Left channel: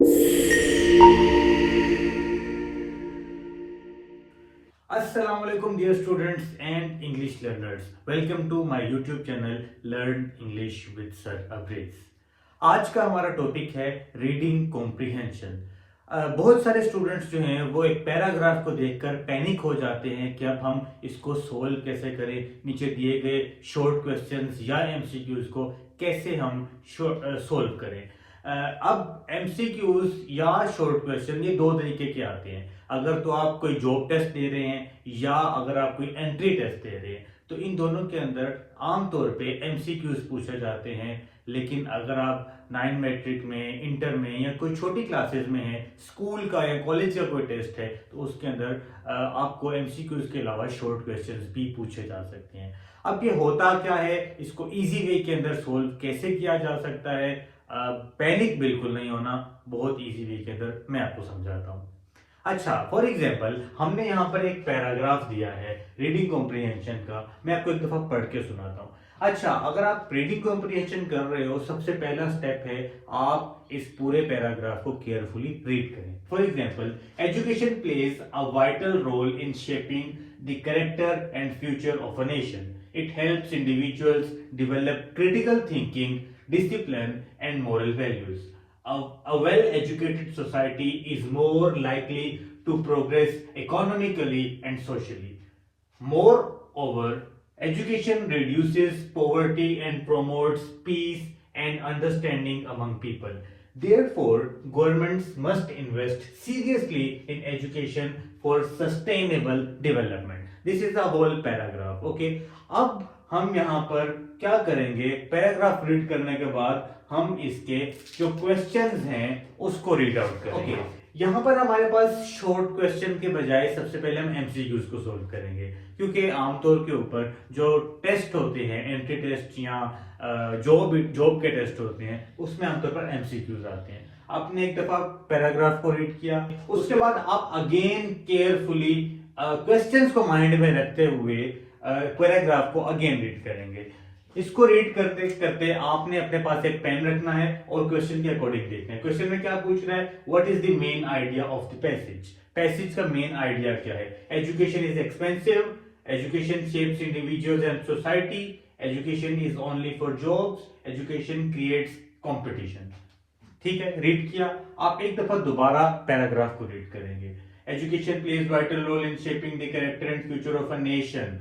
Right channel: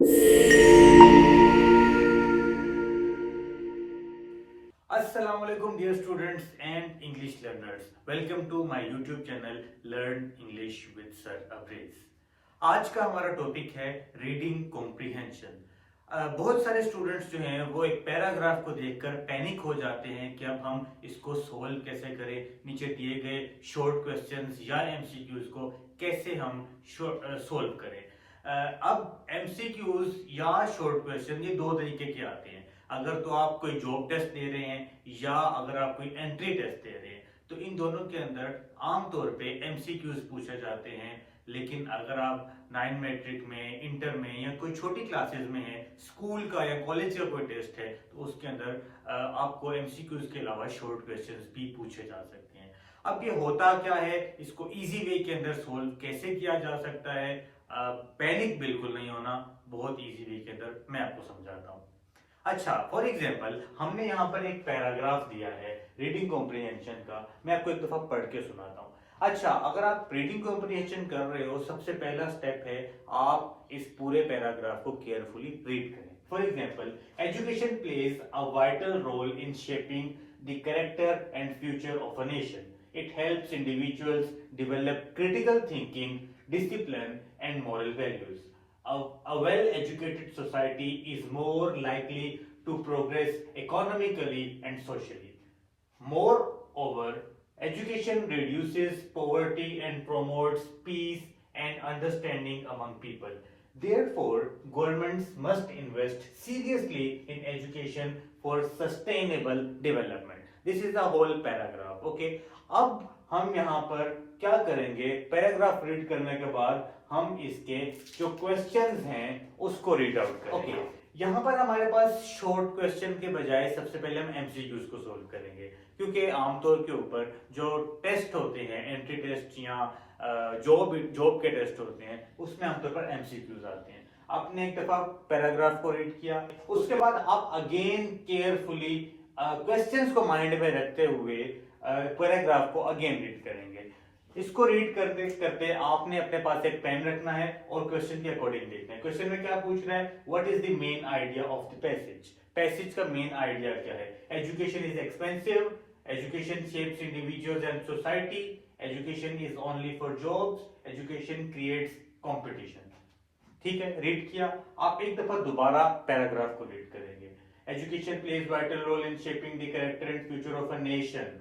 Assalamu alaikum dear students and English learners. Welcome to my YouTube channel Learn English with Sir Abriz. आज का हमारा topic है reading comprehension. बहुत सारे students जो हैं वो एक पैराग्राफ को देखकर पैनिक हो जाते हैं कि अब हम इसको सोल्व कैसे करें, नीचे दिए गए शॉर्ट क्वेश्चंस या एमसीक्यूज को कैसे हम सोल्व करें। अब एमसीक्यूज या शॉर्ट क्वेश्चन ये दो तरीके के आते हैं। अगर तो आप कोई जॉब टेस्ट दे रहे हैं या अगर आप कोई एंट्री टेस्ट दे रहे हैं तो इन दोनों के अंदर आमतौर पे एमसीक्यूज पूछे जाते हैं। लेकिन अगर आप 9 मैट्रिक में, इंटर में या कोई छोटी क्लासेस में है, स्कूल का या कॉलेज का कोई टेस्ट है तो उसके अंदर आपको एमसीक्यूज के अलावा शॉर्ट क्वेश्चंस भी पूछे जा सकते हैं। अब ये होता क्या है, इसको इजी वे के अंदर सोल्व कैसे किया जा सकता है, पैनिक बिल्कुल नहीं होना, बहुत इजी वे के अंदर मैं आपको समझाता हूँ। अच्छा, फॉर एग्जाम्पल हमने यहाँ पर एक पैराग्राफ दिया है रीडिंग कॉम्प्रिहेंशन का। मैं आपको एक दफा पढ़ के सुनाता हूँ। अच्छा, अगर आप रीडिंग कॉम्प्रिहेंशन कर रहे हो, सबसे पहला स्टेप है आप इस पूरे पैराग्राफ को केयरफुली रीड करें। For example, education plays a vital role in shaping the character and future of a nation. It helps individuals develop critical thinking, discipline, and moral values. A well-educated society is more likely to progress economically and socially. Moreover, education reduces poverty and promotes peace and understanding among people. Therefore, governments must invest seriously in education for sustainable development. This is the whole paragraph. Okay. अब हम यहाँ पर क्या करेंगे, paragraph read करने के बाद हम इसके जो क्वेश्चंस हैं उसको रीड आउट करेंगे। Okay. यहाँ पर हमारे पास शॉर्ट क्वेश्चन के बजाय सबसे पहले हम एमसीक्यूज को सोल्व करेंगे, क्योंकि आमतौर के ऊपर जो टेस्ट होते हैं, एंट्री टेस्ट या जॉब के टेस्ट होते हैं, उसमें आमतौर पर एमसीक्यूज आते हैं। आपने एक दफा पैराग्राफ को रीड किया, उसके बाद आप अगेन केयरफुली क्वेश्चंस को माइंड में रखते हुए पैराग्राफ को अगेन रीड करेंगे। इसको रीड करते करते आपने अपने पास एक पेन रखना है और क्वेश्चन के अकॉर्डिंग देखना है। क्वेश्चन में क्या पूछ रहा है, what is the main idea of the passage. Passage का मेन आइडिया क्या है? Education is expensive, education shapes individuals and society, education is only for jobs, education creates competition. ठीक है, रीड किया। आप एक दफा दोबारा पैराग्राफ को रीड करेंगे। Education plays vital role in shaping the character and future of a nation.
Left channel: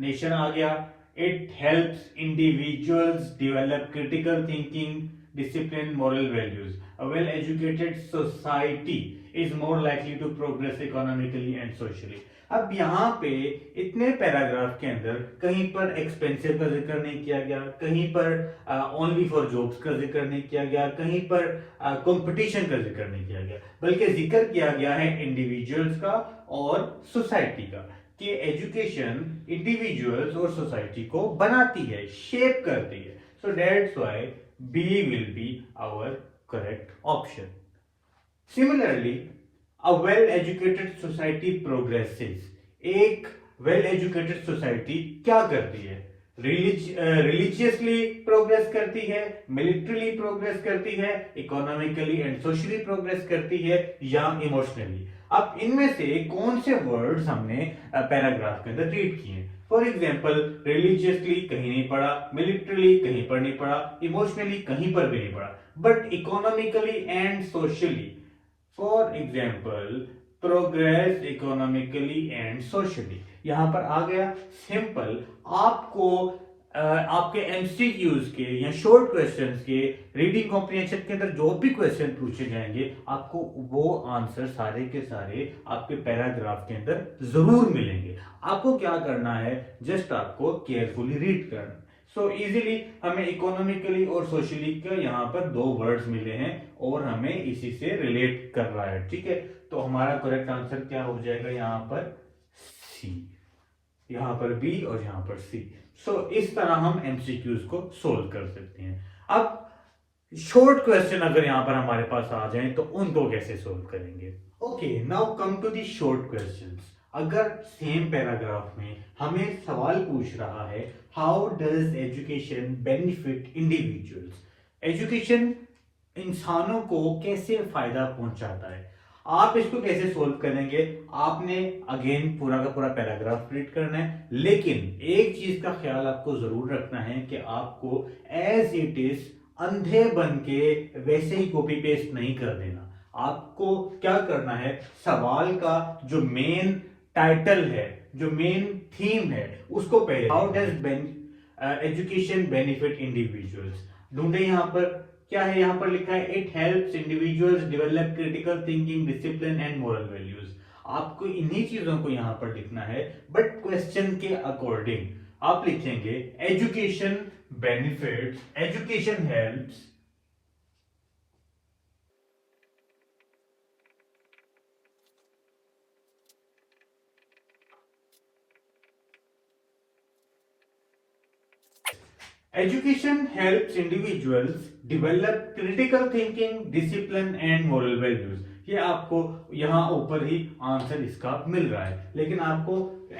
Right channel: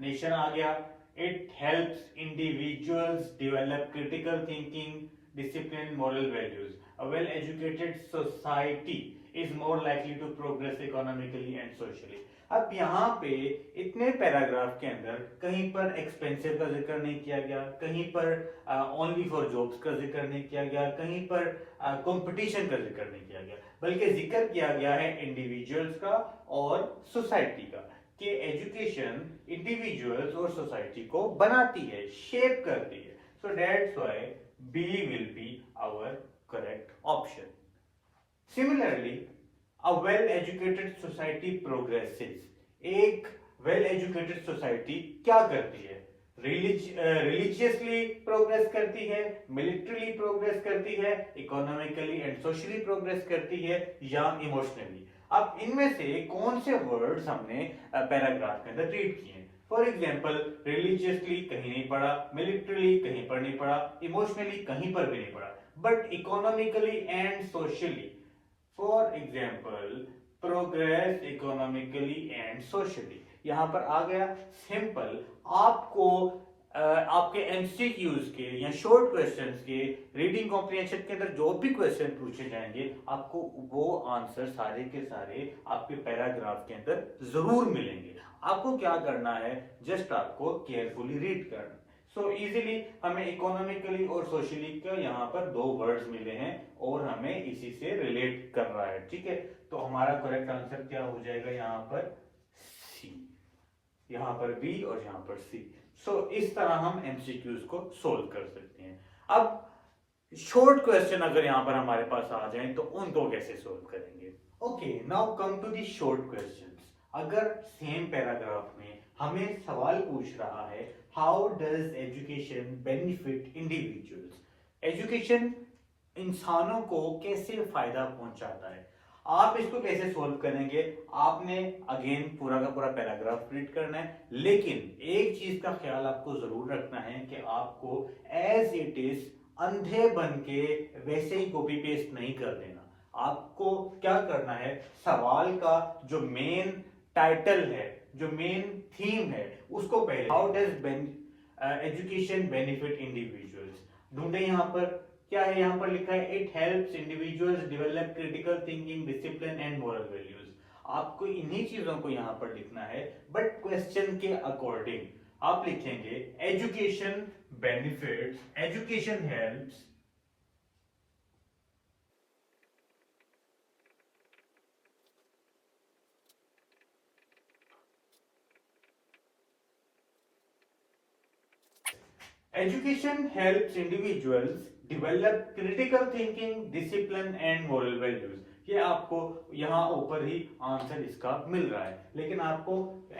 Nation आ गया। It helps individuals develop critical thinking, discipline, moral values. A well-educated society is more likely to progress economically and socially. अब यहाँ पे इतने paragraph के अंदर कहीं पर एक्सपेंसिव का जिक्र नहीं किया गया, कहीं पर ओनली फॉर जॉब्स का जिक्र नहीं किया गया, कहीं पर कंपटीशन का जिक्र नहीं किया गया, बल्कि जिक्र किया गया है इंडिविजुअल्स का और सोसाइटी का, कि एजुकेशन इंडिविजुअल्स और सोसाइटी को बनाती है, शेप करती है। So that's why B will be our correct option. Similarly, a well educated society progresses. एक वेल एजुकेटेड सोसाइटी क्या करती है? रिलीजियसली प्रोग्रेस करती है, मिलिट्रीली प्रोग्रेस करती है, इकोनॉमिकली एंड सोशली प्रोग्रेस करती है, या इमोशनली। अब इनमें से कौन से वर्ड्स हमने पैराग्राफ के अंदर रीड किए? फॉर एग्जाम्पल, रिलीजियसली कहीं नहीं पढ़ा, मिलिट्रीली कहीं पर नहीं पढ़ा, इमोशनली कहीं पर भी नहीं पढ़ा, but economically and socially, for example, progress economically and socially, यहां पर आ गया। सिंपल, आपको आपके एमसीक्यूज के या शॉर्ट क्वेश्चंस के रीडिंग कॉम्प्रिहेंशन के अंदर जो भी क्वेश्चन पूछे जाएंगे, आपको वो आंसर सारे के सारे आपके पैराग्राफ के अंदर जरूर मिलेंगे। आपको क्या करना है, जस्ट आपको केयरफुली रीड करना। सो इजीली हमें इकोनॉमिकली और सोशली के यहाँ पर दो वर्ड्स मिले हैं और हमें इसी से रिलेट कर रहा है। ठीक है, तो हमारा करेक्ट आंसर क्या हो जाएगा? यहाँ पर सी, यहाँ पर बी और यहाँ पर सी। सो इस तरह हम एमसीक्यूज को सोल्व कर सकते हैं। अब शॉर्ट क्वेश्चन अगर यहां पर हमारे पास आ जाए तो उनको कैसे सोल्व करेंगे? Okay, now come to the short questions. अगर सेम पैराग्राफ में हमें सवाल पूछ रहा है, how does education benefit individuals? Education इंसानों को कैसे फायदा पहुंचाता है। आप इसको कैसे सोल्व करेंगे, आपने अगेन पूरा का पूरा पैराग्राफ रीड करना है, लेकिन एक चीज का ख्याल आपको जरूर रखना है कि आपको एज इट इज अंधे बन के वैसे ही कॉपी पेस्ट नहीं कर देना। आपको क्या करना है, सवाल का जो मेन टाइटल है, जो मेन थीम है, उसको पहले, how does education benefit individuals, ढूंढे। यहाँ पर क्या है, यहाँ पर लिखा है it helps individuals develop critical thinking, discipline and moral values. आपको इन्हीं चीजों को यहाँ पर लिखना है, बट क्वेश्चन के अकॉर्डिंग आप लिखेंगे education benefits, education helps Education helps individuals develop critical thinking, discipline and moral values. ये आपको यहाँ ऊपर ही आंसर इसका मिल रहा है, लेकिन आपको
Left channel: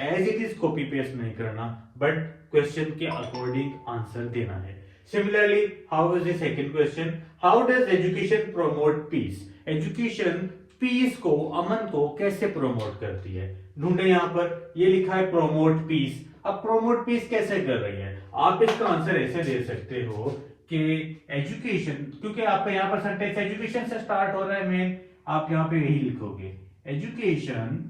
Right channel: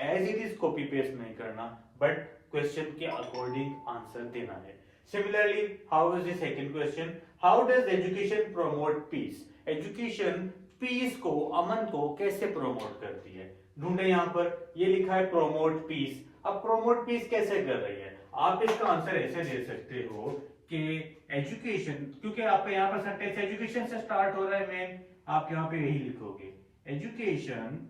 as it is copy paste नहीं करना, बट क्वेश्चन के अकॉर्डिंग आंसर देना है। Similarly, how is the second question, how does education promote peace, education peace को, अमन को कैसे प्रमोट करती है। ढूंढे, यहाँ पर ये लिखा है प्रमोट पीस। अब प्रोमोट पीस कैसे कर रही है, आप इसका आंसर ऐसे दे सकते हो कि एजुकेशन, क्योंकि आपका यहाँ पर सेंटेंस एजुकेशन से स्टार्ट हो रहा है मेन, आप यहाँ पे यही लिखोगे education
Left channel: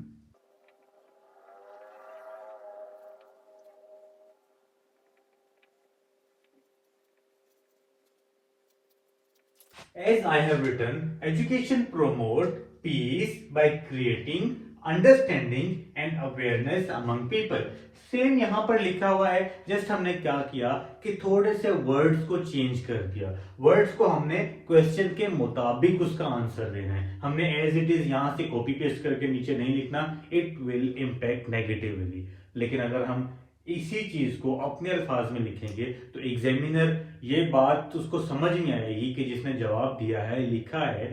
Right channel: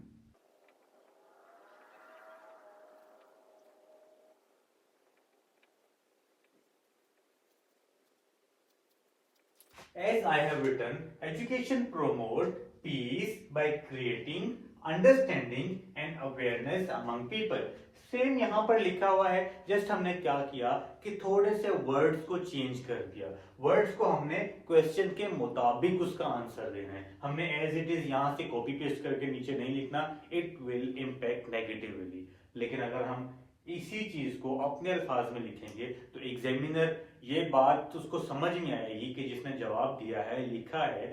as I have written, education promote peace by creating understanding and awareness among people. Same यहाँ पर लिखा हुआ है, जस्ट हमने क्या किया कि थोड़े से वर्ड्स को चेंज कर दिया। वर्ड्स को हमने क्वेश्चन के मुताबिक उसका आंसर देना है, हमने एज इट इज यहाँ से कॉपी पेस्ट करके नीचे नहीं लिखना, इट विल इम्पैक्ट नेगेटिवली। लेकिन अगर हम इसी चीज को अपने अल्फाज में लिखेंगे तो एग्जामिनर ये बात उसको समझ में आएगी कि जिसने जवाब दिया है, लिखा है,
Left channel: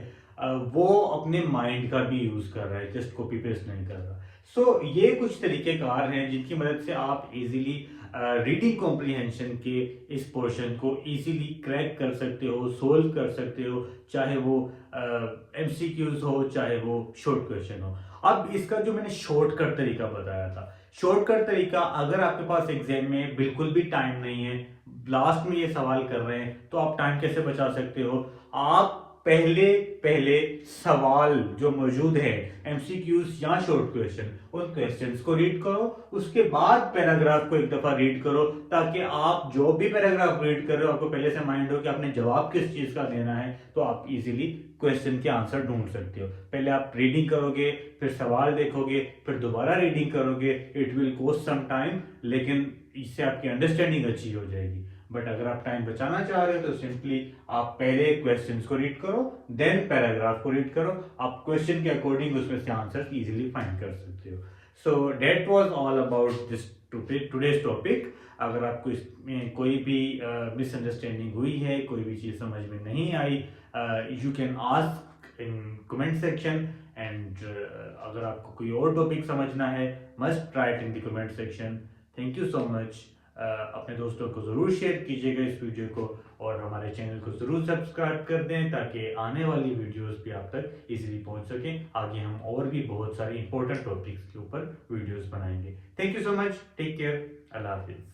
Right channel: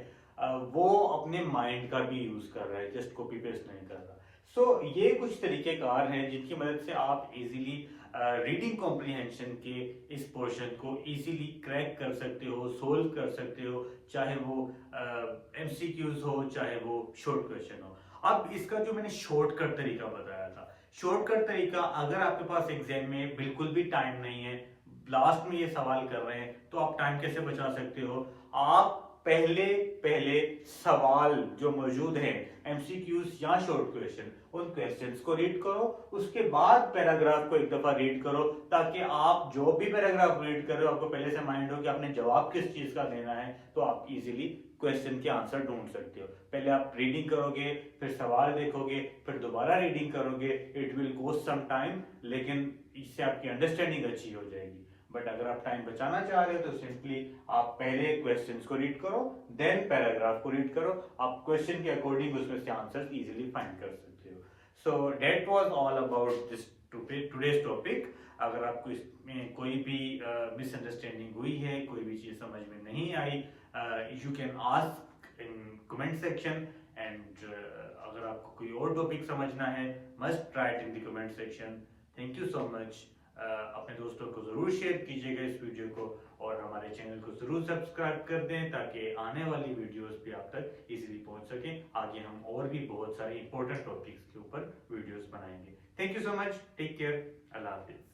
वो अपने माइंड का भी यूज कर रहा है, जस्ट कॉपी पेस्ट नहीं कर रहा। सो ये कुछ तरीकेकार हैं जिनकी मदद से आप इजीली रीडिंग कॉम्प्रिहेंशन के इस पोर्शन को इजीली क्रैक कर सकते हो, सोल्व कर सकते हो, चाहे वो एमसीक्यूज हो, चाहे वो शॉर्ट क्वेश्चन हो। अब इसका जो मैंने शॉर्टकट तरीका बताया था, शॉर्टकट तरीका, अगर आपके पास एग्जाम में बिल्कुल भी टाइम नहीं है, लास्ट में ये सवाल कर रहे हैं, तो आप टाइम कैसे बचा सकते हो, आप पहले पहले सवाल जो मौजूद है, एमसीक्यूज या शॉर्ट क्वेश्चन, उन क्वेश्चंस को रीड करो, उसके बाद पैराग्राफ को एक दफा रीड करो, ताकि आप जो भी पैराग्राफ रीड कर रहे हो आपको पहले से माइंड हो कि आपने जवाब किस चीज का देना है, तो आप इजीली क्वेश्चन के आंसर ढूंढ सकते हो। पहले आप रीडिंग करोगे, फिर सवाल देखोगे, फिर दोबारा रीडिंग करोगे, it will cost some time, लेकिन इससे आपकी अंडरस्टैंडिंग अच्छी हो जाएगी। बट अगर आप टाइम बचाना चाह रहे हो तो सिंपली आप पहले क्वेश्चंस को रीड करो, देन पैराग्राफ को रीड करो, आप क्वेश्चन के अकॉर्डिंग उसमें से आंसर इजीली फाइंड कर सकते हो। So that was all about this today's topic. अगर आपको इसमें कोई भी मिसअंडरस्टैंडिंग हुई है, कोई भी चीज़ समझ में नहीं आई, you can ask in comment section, and अगर आपको कोई और टॉपिक समझना है, must try it in the comment section. Thank you so much. अपने दोस्तों को ज़रूर शेयर कीजिएगा इस वीडियो को, और हमारे चैनल को ज़रूर सब्सक्राइब कर दें ताकि आने वाली वीडियोस भी आप तक इजीली पहुंच सकें। आगे हम और भी बहुत सारे इंपॉर्टेंट टॉपिक्स के ऊपर वीडियोस बनाएंगे। Thank you so much, take care, अल्लाह हाफिज़।